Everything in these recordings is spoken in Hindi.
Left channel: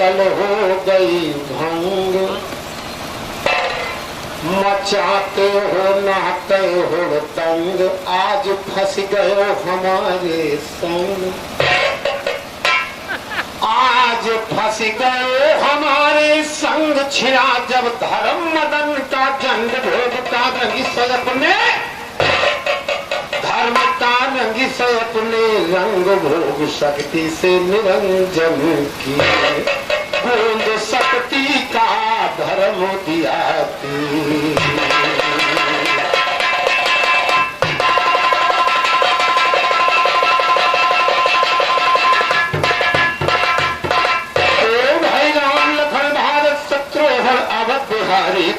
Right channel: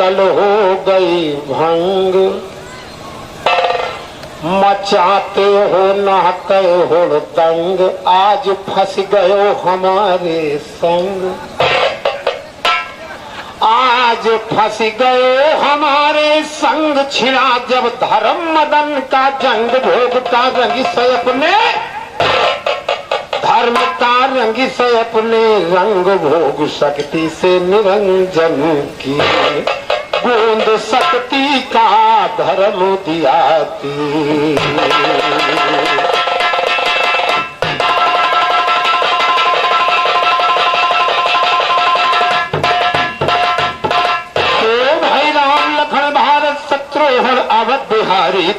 कल हो गई भंग, मचाते हो नहाते हो तंग, आज फंस गए हमारे संग, आज फंस गए हमारे संग। छिड़ा जब धर्म मदन का जंग, भोगता रंगी से अपने धर्म का रंगी से अपने रंग, भोग शक्ति से निरंजन की, बूंद शक्ति का धर्म दिया भाई राम लखन भारत शत्रुघ्न अवध बिहारी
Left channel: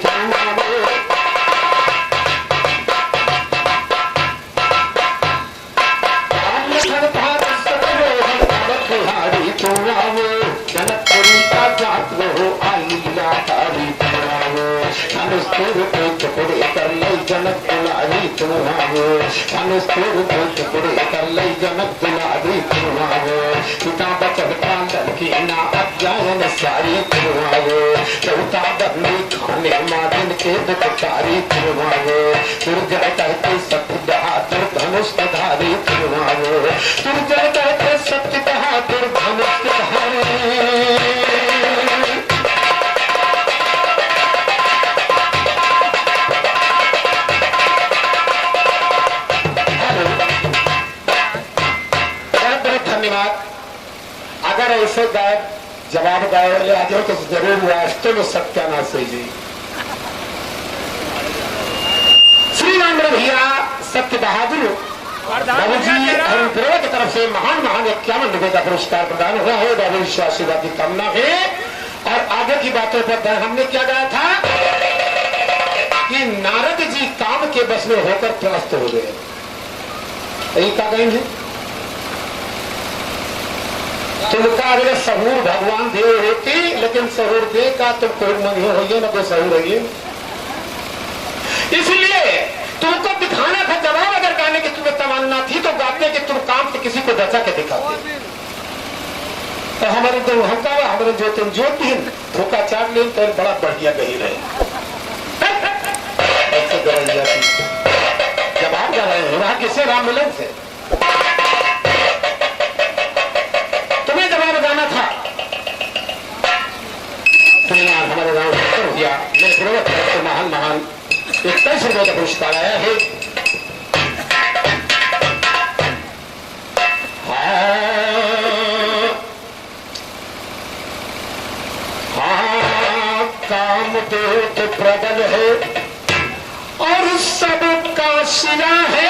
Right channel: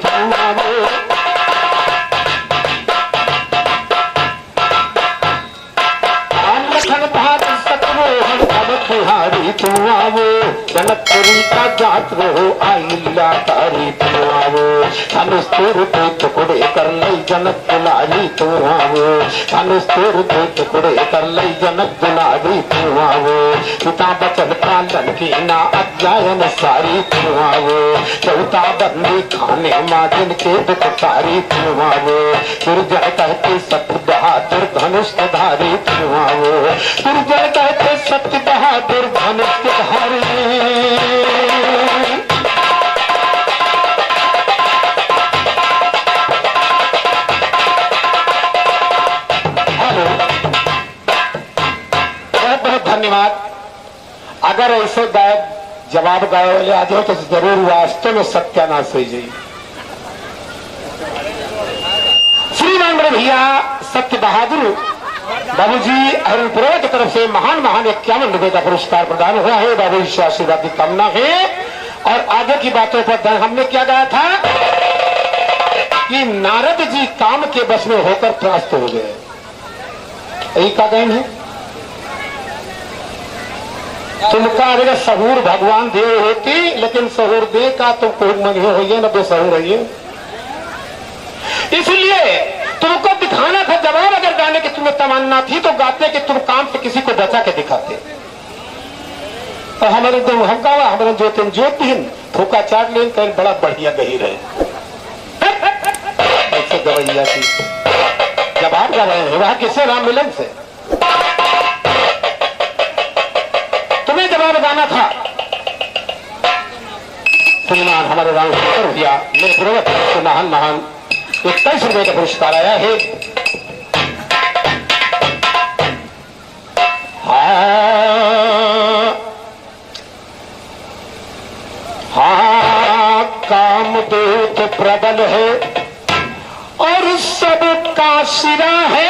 जनकपुरी का जात रहो आइला तारी तुआवो, धनुष के टुकड़े कर लई जनक दुलारी तुआवो, धनुष के टुकड़े कर लई जनक दुलारी तुआवो, पिता बचन पालन की ना अध्ययन सारी तुआवो, चौथा बंदी खाने मादिन के दुखकारी तुआवो, दुर्जय कहते सत्य बहादुर धनुष धारी तुआवो, दुर्जय कहते सत्य बहादुर धनुष धारी। अगर ऐसे गायक जवाब गाए वाले आ जाओ तो जरूर राष्ट्र में सत्यानाश हो जाए। श्री राम भैया सत्य बहादुर बाबू जी हरिपुरा की तरफ से महान 51 रुपए का पुरस्कार प्रदान हुआ है। बाबू जी आशीर्वाद की कामना है। और आगे की बातों पर हमने क्या गाया था कि नारद जी काम के बस में होकर त्रस्त हो गए। यही का गए हैं तुमका अगर सहूर भगवान देव होती, लेकिन सहूर दे का तो कोई नहीं होइए न तो सहूर है। इसलिए तुमको दिखाना था जवाब। अगर गाने की तुम्हें तमन्ना थी तो गाते कि तुम काम से किसी को बचा के दिखाते। तो हमारे तो हम का हमारे जो तुम ज्योतिन धोखा चार ले तो बड़ा बढ़िया गही रहे ऐसे गवैया की जवाब कर रहे हैं। वहां किसे राम मिलन से तुम्हें जवाब गाना था। श्रीमान हमारे राम भैया मेरे पूर्वज तो महान 21 रुपये का पुरस्कार आया है। हाँ काम दूत प्रबल है और सबका सिरा है।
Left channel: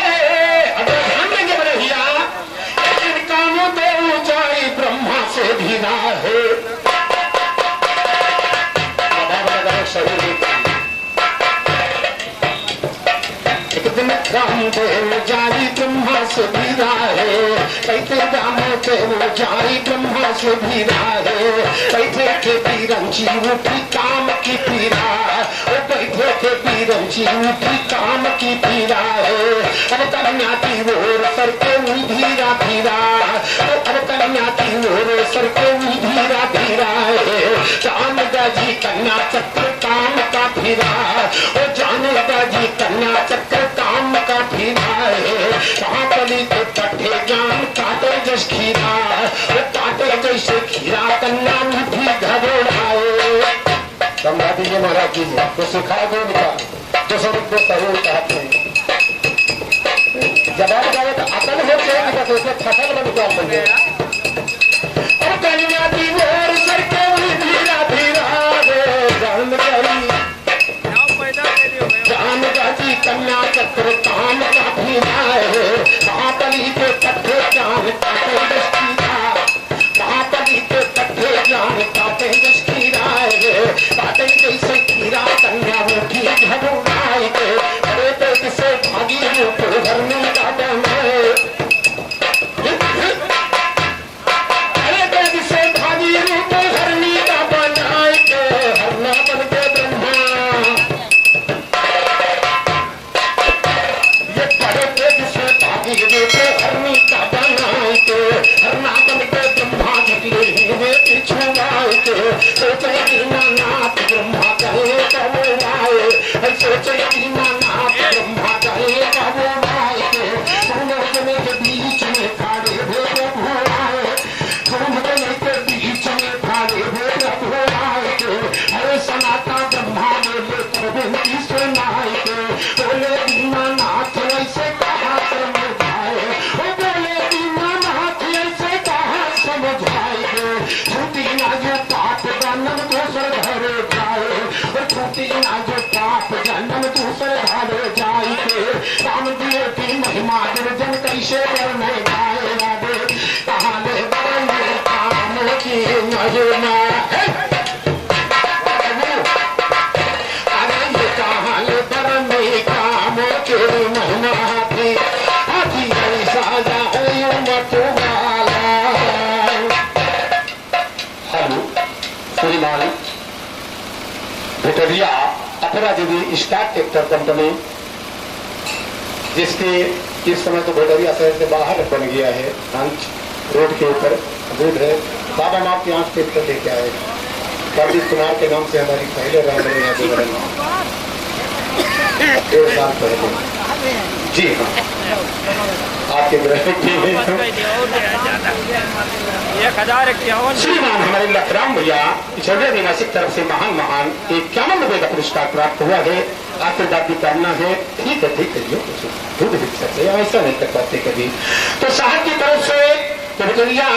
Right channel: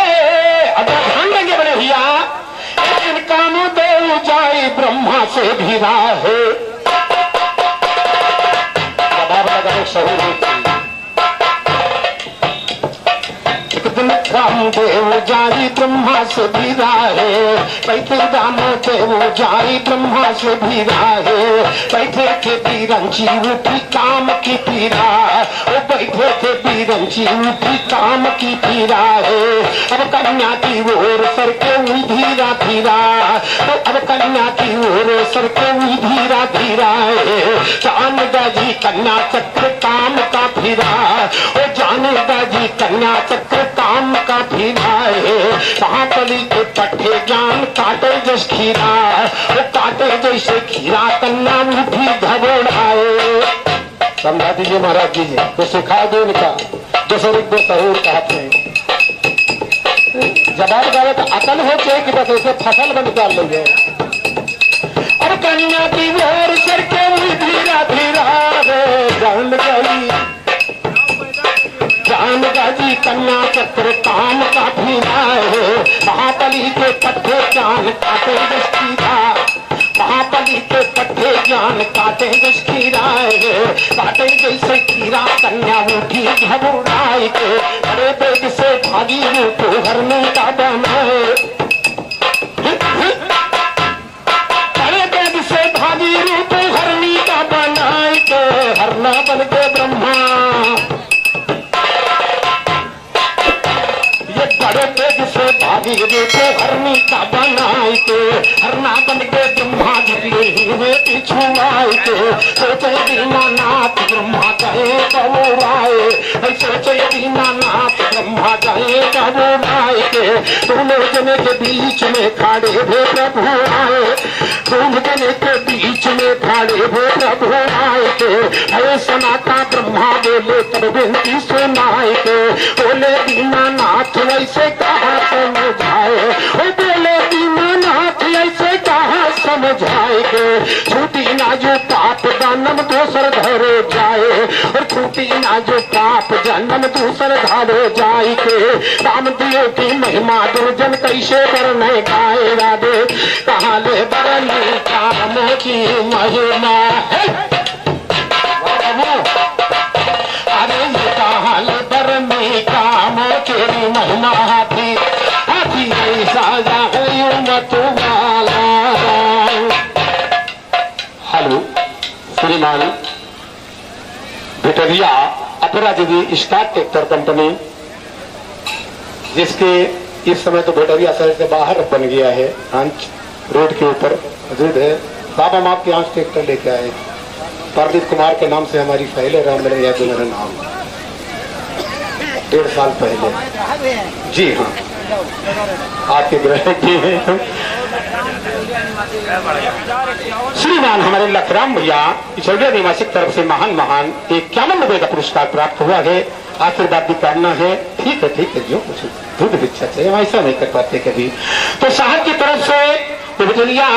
अगर ध्यान देंगे बड़े भैया इन कामों दे ऊंचाई ब्रह्मा से भी ना है। एक दिन काम दे ऊंचाई ब्रह्मा से भी ना है। बैठे दामों पे ऊंचाई ब्रह्मा से भी ना है। बैठे थे बीरंची उठी काम की पीरा। वो बैठे थे बीरंची उठी काम की पीरा है। अब कन्या की ओर सर के धीरा धीरा। अब कन्या की ओर सर के धीरा धीरा है। जान जी कन्या चक्र काम का फिरा। वो जान जी कन्या चक्र काम का फिरा है। कहाँ पली के पट्टे जान काटे जस खीरा। वो काटे जैसे खीरा कन्या मीठी घबराए। समझा दीजिए महाराज जी तो सिखा दो उनका जो स्वरूप सहूर कहते हैं। जवाब गावे तो अकल हो चाहिए कि बस उसे फसल में निकाल लेंगे। और कन्या की ओर सर के धीरा धीरा जान जी कन्या चक्र काम का भीना है। महाबली के पट्टे जान काटे जसकीरा। महाबली के पट्टे जान काटे जसकीरा है। काटे जैसे कीरा कन्या उठी घबराई के। अरे पेट से भागी रूप हरने का दम है। अरे पेट से भागी रूप हर खाड़े हो प्रभु आए, कुंभकर्ण के बीच में खाड़े हो प्रभु आए के, अरे सनाता ब्रह्मा बोले तब विनती सुनाए के, बोले दीनानाथ ऐसे कहा समझाए, बोले दीनानाथ ऐसे कहा समझाए के, छूटी ना जो पाप जन्म दूसर धरे जाए, और छूटी ना जो पाप जन्म दूसर धरे जाए के, काम दियो की महिमा दुर्जन कैसे करने गाए राधे, कहाँ ले बरनी काम की महिमा है, अरे ये कहाँ ले बरनी काम की महिमा थी, हाथी ऐसा जाए न तुम्हारा। हेलो श्रीमान भिटरिया अपराजित स्टार्ट ट्रैक्टर कंपनी, जिसके इस समय तो भिटरिया शहर से बाहर बन गया है, आंच रोड के ऊपर मौजूद है। बाबा हम आपके आंच ट्रैक्टर लेके आए, प्रदीप कुमार के नाम से हमारी पहले राम बन की मरण 1.5 साल पहले। जी हाँ, आपके श्रीमान हमारे लखराम भैया पिछड़िया निवासी तरफ से महान 51 का पुरस्कार प्राप्त हुआ है। आशीर्वाद भी करना है, ठीक है जो कुछ दूध भिक्षा से ऐसा नहीं कर पाते कभी। तो साहब की तरफ से भिटरिया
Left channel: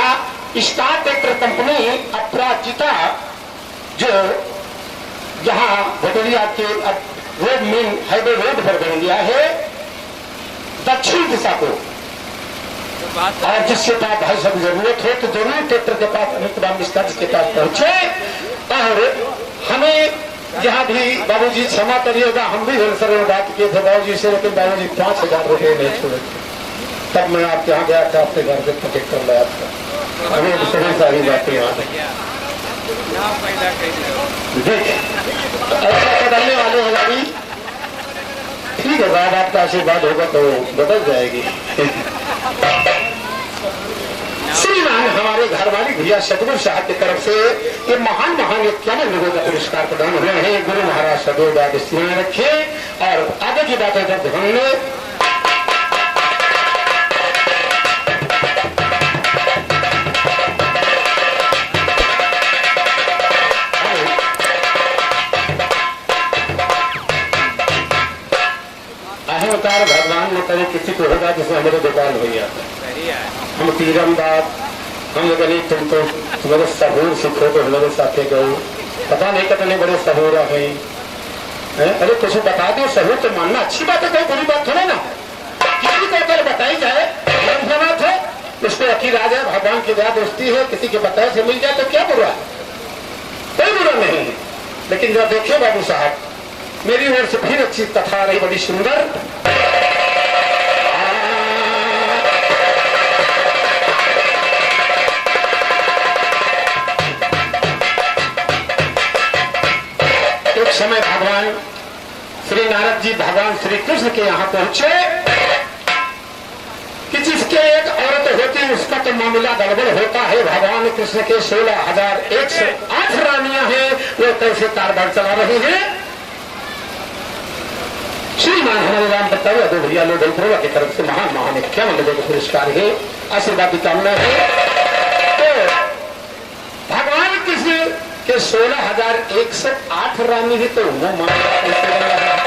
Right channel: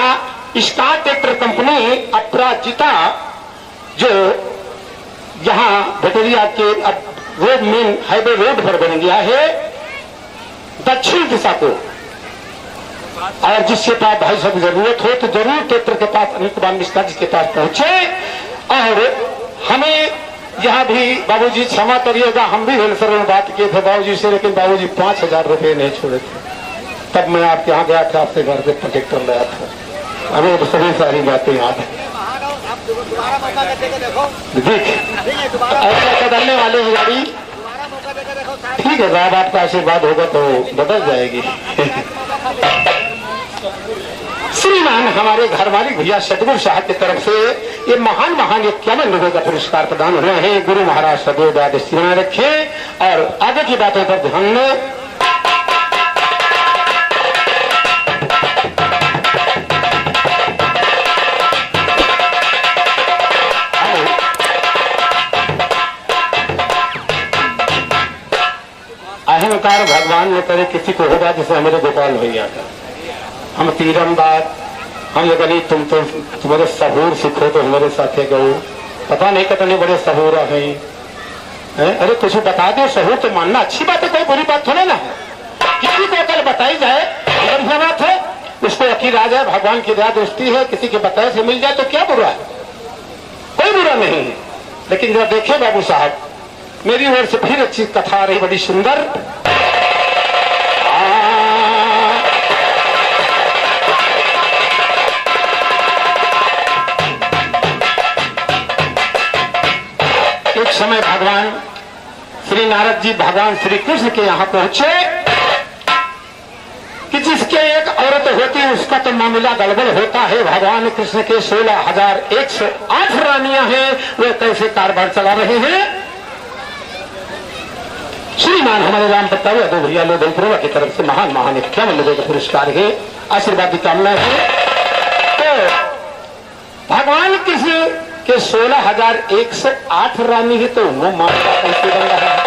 स्टार ट्रैक्टर कंपनी अपराजिता, जो यहाँ भिटरिया के रोड मेन हाईवे रोड पर बन गया है दक्षिण दिशा को, और जिसके पास भाई सब जरूरत हो तो जरूर ट्रैक्टर के पास अनिल कुमार मिश्रा जी के पास पहुंचे। और हमें यहाँ भी बाबूजी क्षमा करिएगा, हम भी होलसेल में बात किए थे बाबूजी से, लेकिन बाबूजी 5000 रुपये नहीं छोड़े थे। तब मैं आपके यहाँ गया था, आपसे घर से ट्रैक्टर लाया था, हमें तो सभी सारी बातें याद है। ऐसा बदलने वाले हो गाड़ी, ठीक है, बाद आपका आशीर्वाद होगा तो बदल जाएगी। श्रीमान हमारे घर वाली भैया सतगुरु साहब की तरफ से ये महान 51 लोगों का पुरस्कार प्रदान हुए हैं। गुरु महाराज सदैव याद रखे और आगे की बातों पर ध्यान में। अहंकार भगवान ने करे किसी को होगा जिसे हमारे गोपाल हो गया था, हम तीरंदाज, हम लोग नहीं तुम तो तुम्हारे सहूर सीखो तो हमारे साथ गो, पता नहीं कितने बड़े सहूर है। अरे कुछ बता दो, सहूर तो मानना अच्छी बात है, कोई बुरी बात थोड़ा ना, किसी को अगर बताई जाए बात है, उसको यकीन आ जाए भगवान की दया दोस्ती है, किसी के बताए से मिल जाए तो क्या बुरा है, कोई बुरा नहीं। लेकिन जब देखे बाबू साहब, मेरी ओर से फिर अच्छी कथा आ रही, बड़ी सुंदर। एक समय भगवान श्री नारद जी भगवान श्री कृष्ण के यहाँ पहुंचे कि जिसके एक औरत होती है उसका तो मामला गड़बड़ होता है। भगवान कृष्ण के 16,108 रानियां हैं, वो कैसे कारबार चला रहे हैं। श्रीमान हमारे राम बताओ दो भैया लोग प्रभु की तरफ से महान 51 लोगों का पुरस्कार है, आशीर्वाद की कामना है। तो भगवान कृष्ण के 16,108 रानी है, तो वो मामला कैसे बन रहा है।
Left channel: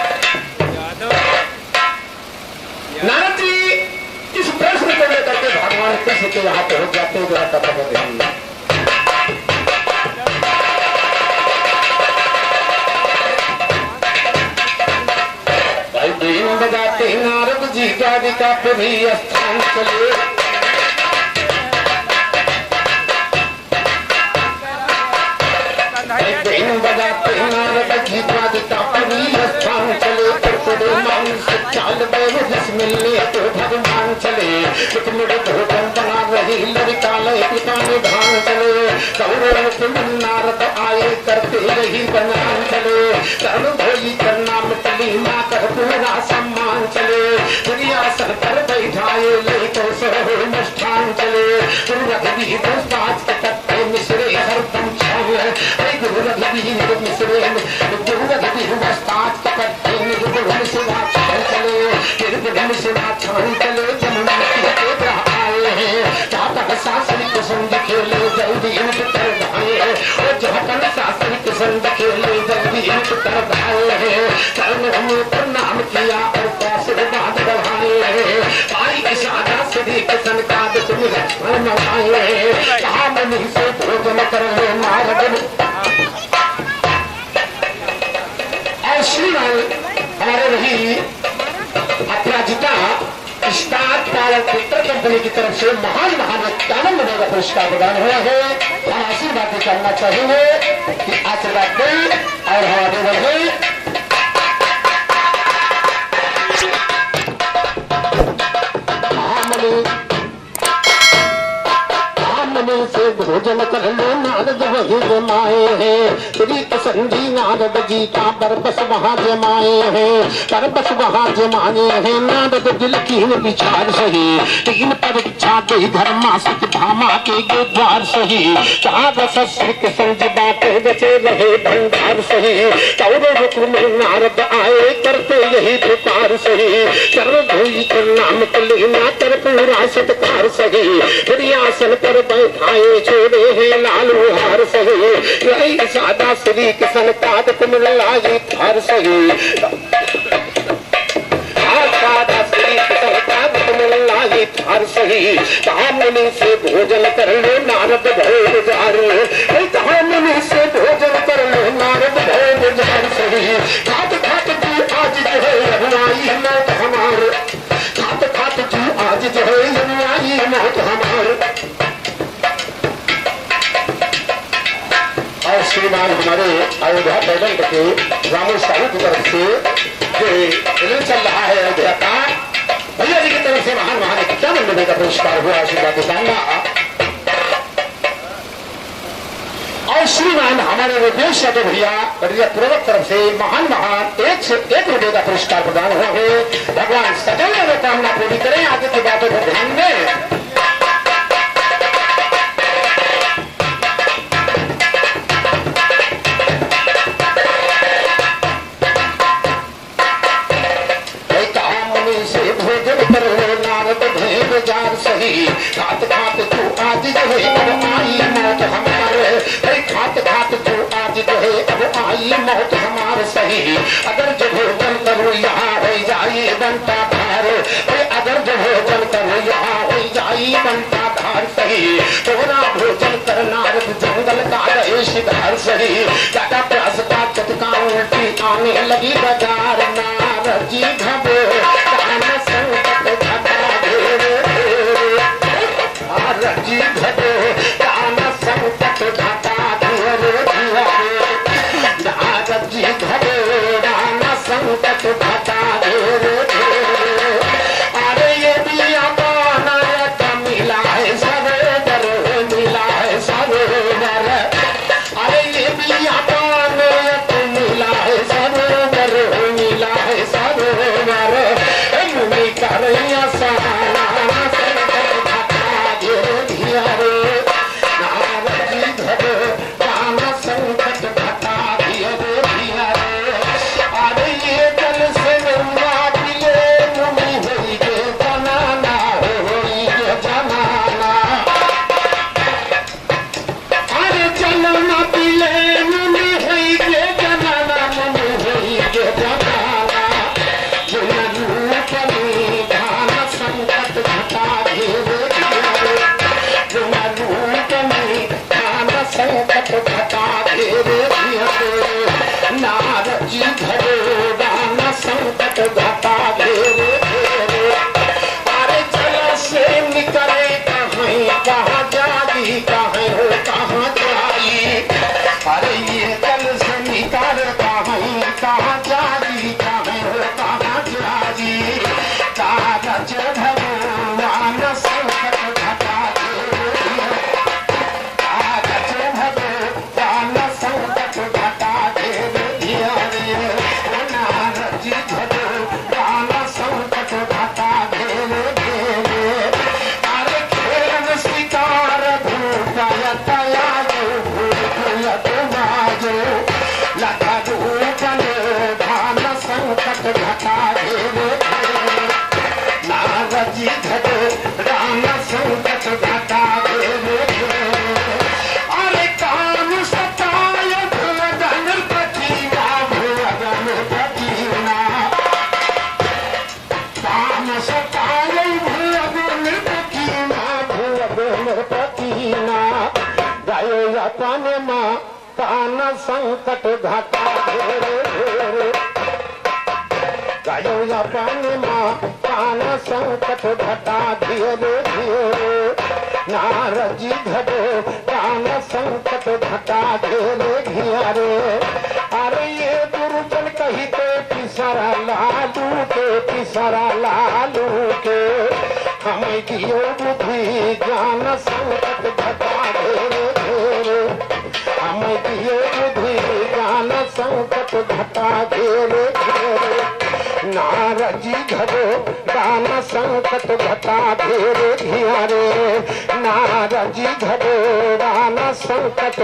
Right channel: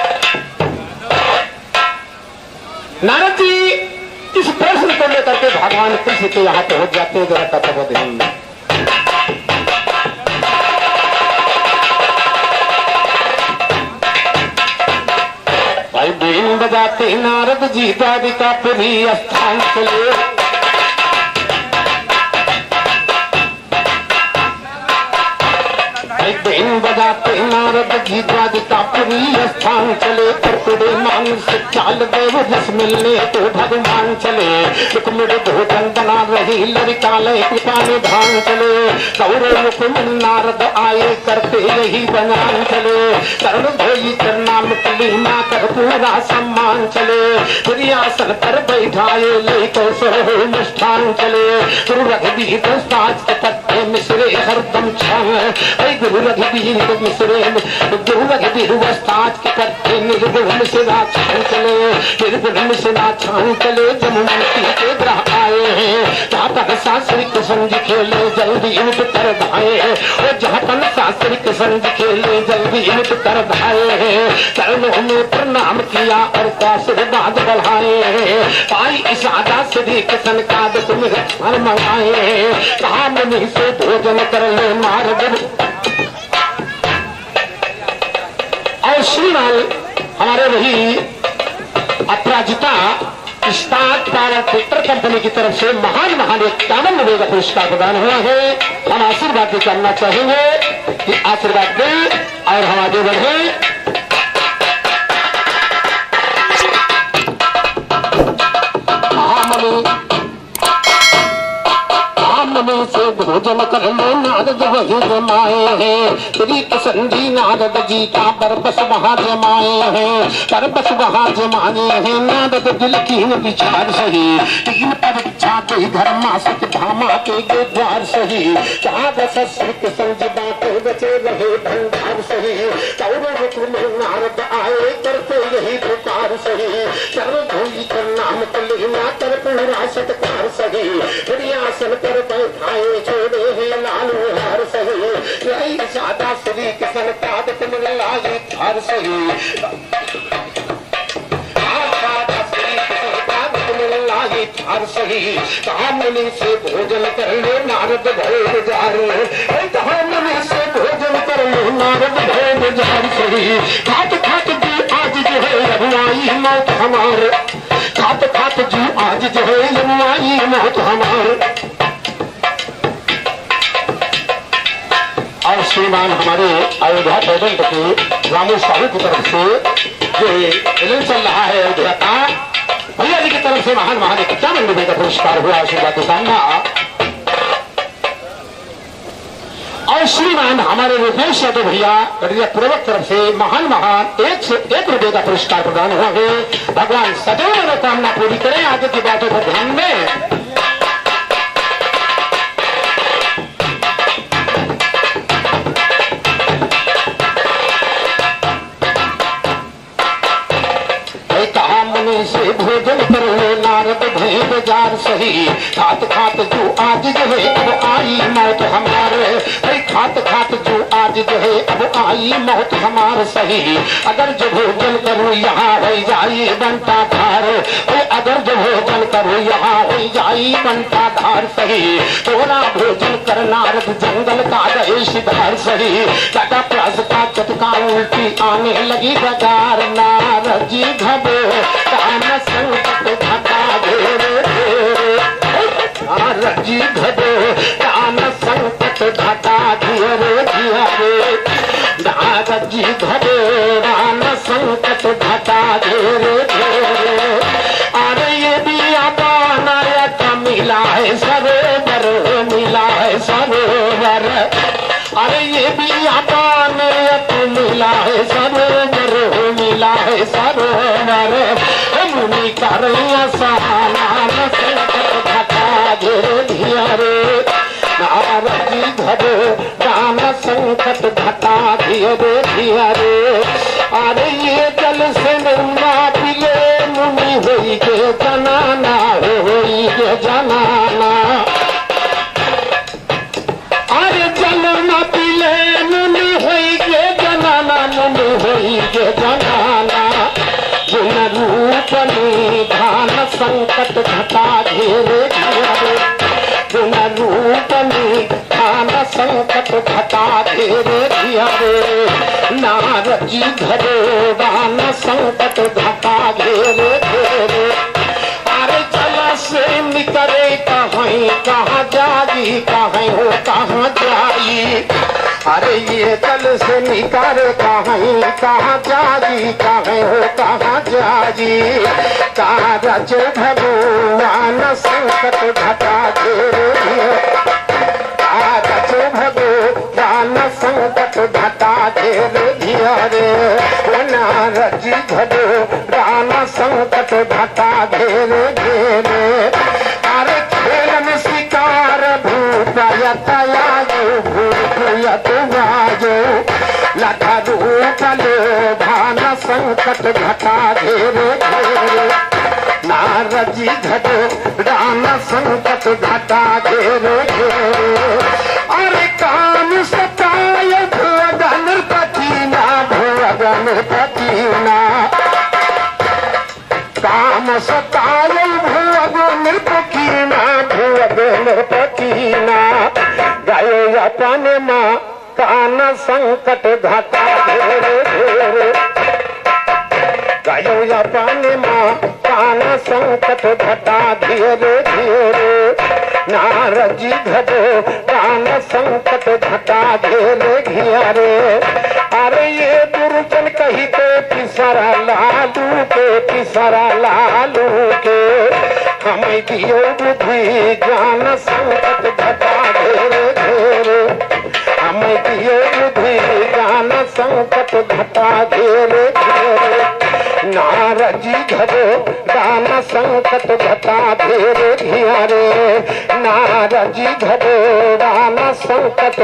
नारद जी इस प्रश्न को लेकर के भगवान कृष्ण के यहाँ पहुंच जाते हैं, जरा कथा को ध्यान में। बीन बजाते नारद जी द्वारिका पुरी स्थान चले, बीन बजाते नारद जी द्वारिका पुरी स्थान चले, टुकड़े मांग से चाल बैव रस मिलने तो भगवान चले, टुकड़े भोजन बना रही लड़का लड़का निधान चले, कौरव नारद आए करते रही बनान चले, कर्ण धोई करना मिटली ना कर पूरा सम्मान चले, प्रियासन पर बैठाए ले तो सहो अनुष्ठान चले, रघुवीर साज के तत्व मिश्रे हरदम छल, गुरु रघुवीर मिश्रेन गुरु रघुवीर वस्ताद के करते निर्गुण से छान चले निर्गुण से छान चले जमुना के ग्रह आए हैं जहाँ तक शास्त्रिक संग खेले जल्दी इनके तर भाए और जहाँ तक शास्त्रिक संग खेले जल्दी इनके तर भाए हैं चरणों में प्रणाम किया और आशीर्वाद बढ़ाए हैं आई इशारा सदी कसन का तुम घर मंगाए हैं कहा मनी से भोजन कर ले मार्ग और श्रीमान हमारे वही अपराजिता स्टार्ट पावर ट्विटर कंपनी की तरफ से महान महान एक कानून का पुरस्कार प्रदान हुआ है। हम आशीर्वाद भी करना चाहेंगे कि आशीर्वाद दें और हम आगे बढ़े। में से भोजन कर लो नारद वही जमाए हैं श्री कृष्ण जी नारद जी का बरबस वहाँ जमाए हैं बरबस वहाँ जमाए हैं नारद दिल की विचार सही तीन परीक्षा के घर मासिक भामा के द्वार सही जहाँ बस श्री कृष्ण जी बातें बचे रहे भंडार सही कौरव में नारद आए करते यही पुकार सही सर्व धोई कर नाम को लेना कर पूरा सत्कार सही आसन पर बैठाए छोड़े हैं लाल हार सही यही सादा श्री कृष्ण पाद तुम लाई हार सही सादा श्री कृष्ण पाद तुम लाई हार सही कहा मुनि से भोजन कर लो नारद भय गुजारो कहा मुनि से भोजन कर लो नारद भय गुजार सही खात खात जी आज जो है रघुआई मौत हमारे खात खात जी आज जो है रघुआई मौत हमारे। और श्रीमान हमारे अयोध्या पेमेंट के रामू साहू की तरफ से जो फिल्म चल रहा है अयोध्या का भैया जी की तरफ से महान महान 51 रुपए का पुरस्कार हुआ आशीर्वाद दिखाऊंगा। और श्रीमान हमारे रुपेश यादव भैया पूर्वक तरफ से महान महान 101 रुपए का पुरस्कार प्रदान हुआ है। भगवान सदैव कामना पूरी करें आगे की बातों पर ध्यान में। खात खात जो आज जो है अब आई मौत हमारे खात खात जो आज जो है अब आई मौत हमारे सही अगर जो भोजन करो यहाँ हो जाइए बनता धार अगर जो भोजन करो यहाँ हो जाइए बनता धार सही थोड़ा भोजन करना जंगल का देश धार सही टाटा प्लस का चटका उल्टी आने लगी बाजार नारद जी घबो संकट घटा जी घटो कान संकट घटा दिए नारद जी घटो कान संकट घटा दिए अरे ये दिया नायक मिला है सरोवर मिला है सरोवर अरे ये दिया नायक मिला है सरोवर मिला है सरोवर मुनि करैया सहारा राम संकट घटा दिए रे अरे ये जल से गंगा पिले मुनि होई के जनाना होई के जनाना अरे जल न पिले मुनि होई के जनाना मुनि होई के जनाना गुण रूप धान संकट घटा दिए गुण रूप संकट घटा नारद जी घरो दान संकट घटा अरे जल से निकले कहाँ जागी कहाँ हो कहाँ जाई अरे ये जल से निकले कहाँ जागी कहाँ हो कहाँ जागी कारज भगवान संकट घटा घटा नारद जी घटो दान संकट घटा घेरे अरे खेलन शिकार भूत यतया भूत जो लगा रूप भान संकट घटा घेरे घेरे नारद जी धरो राम संकट घटा घेरे घेरे अरे काम सताय भगन पतीना भगन पतीना काम सताय भगन पतीना भगन पतीना गायो अपने माँ कान संकट घटा घेरे घेरे गायो अपने माँ कान संकट घटा घेरे घेरे नारद जी धरो कान संकट घटा घेरे घेरे अरे ये दुर्जन कहिते पिसरा लालू के हमें दियो बुद्धि ज्ञान संकट घटा घेरे घेरे हमें दियो बुद्धि ज्ञान संकट घटा घेरे घेरे नारद जी धरो दान संकट घटा घेरे घेरे नारद जी धरो दान संकट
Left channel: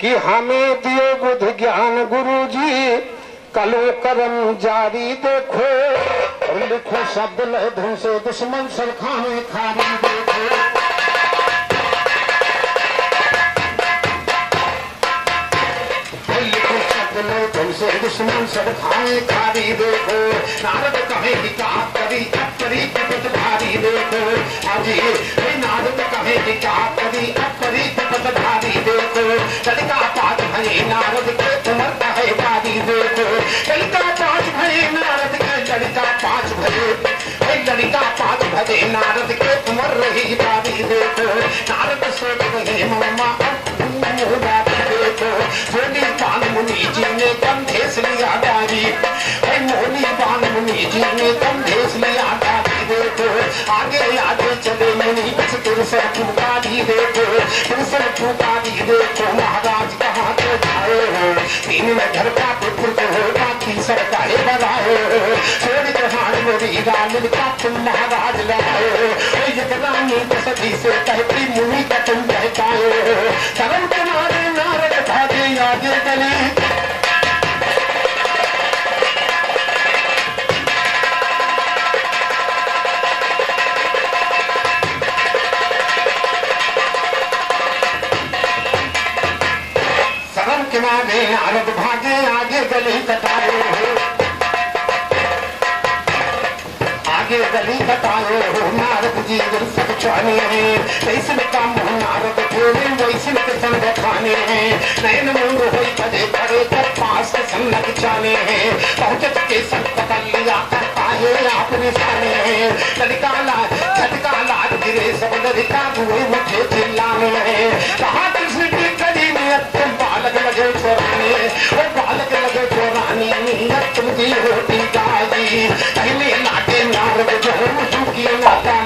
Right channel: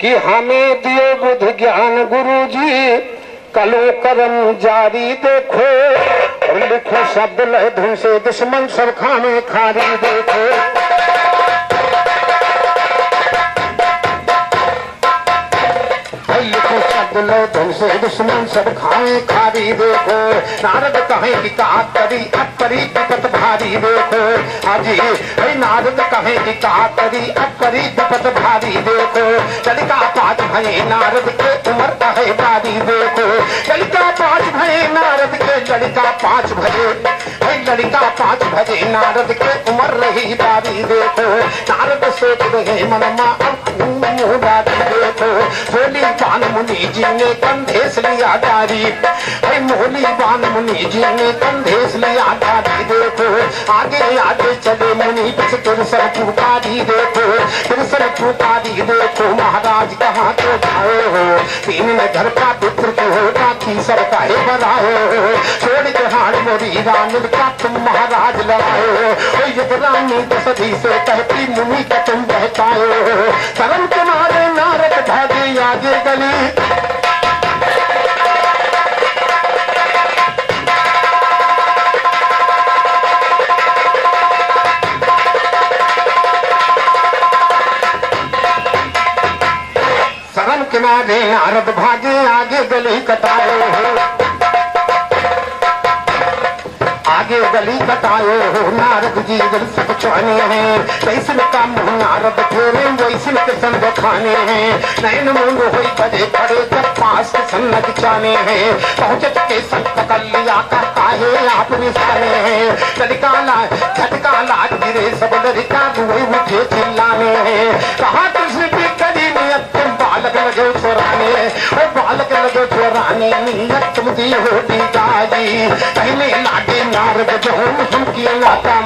कि हमें दियो बुद्ध ज्ञान गुरु जी कलो करम जारी देखो और लिखो शब्द लय धुन से दुश्मन सब खाने खारी देखो लिखो शब्द लय धुन से दुश्मन सब खाने खारी देखो नारद कहे किताब करी अपरी विपत भारी देखो हाजी नारद कहे किताब करी अपरी विपत भारी देखो लड़का पाँच भये नारद के उमर कहे बारी देखो लड़का पाँच भये नारद के लड़का पाँच भये लड़का पाँच भये नारद के उमर रही बारी देखो नारद सोच रहे मनमा देखो बोली बान मुनि जी ने कंधेस लिया गारी मोली बान मुनि जी ने कंधेस लिया गारी देखो आगे आगे चले मुनि बस तुमसे पुकारी देखो तुमसे पुकारी देखो महाराज कहाँ तो जाए हो तीन में घर का पुत्र को होगा तीसर का ही बनाए हो छोड़ के हार मोरी रानी का तुम महाराज लगाए हो रानी सदी से कहती मुनि का तुम बहकाए हो चरण तुम्हारे नारद भागे आगे गले नारद भागे आगे गली कटाए हो आगे गली कटाए हो नारद जी दिल से छुआने हैं वैसे काम नारद छोड़े वैसे के संग खाने हैं नयन मूंग हुई बजे खड़े तब पास के सन्नत जाने हैं पहुंचत के सब पकड़ लिया करता है आपने साने हैं लड़का लाज गिरे सब लड़का हुए मुझे चिल्लाने हैं कहा कृष्ण की कड़ी में अब तुम बालक लगे छोड़ाने और बालक लगे छोड़ाने तुम दी होती दादी पहले लाटे नारद जो की लाता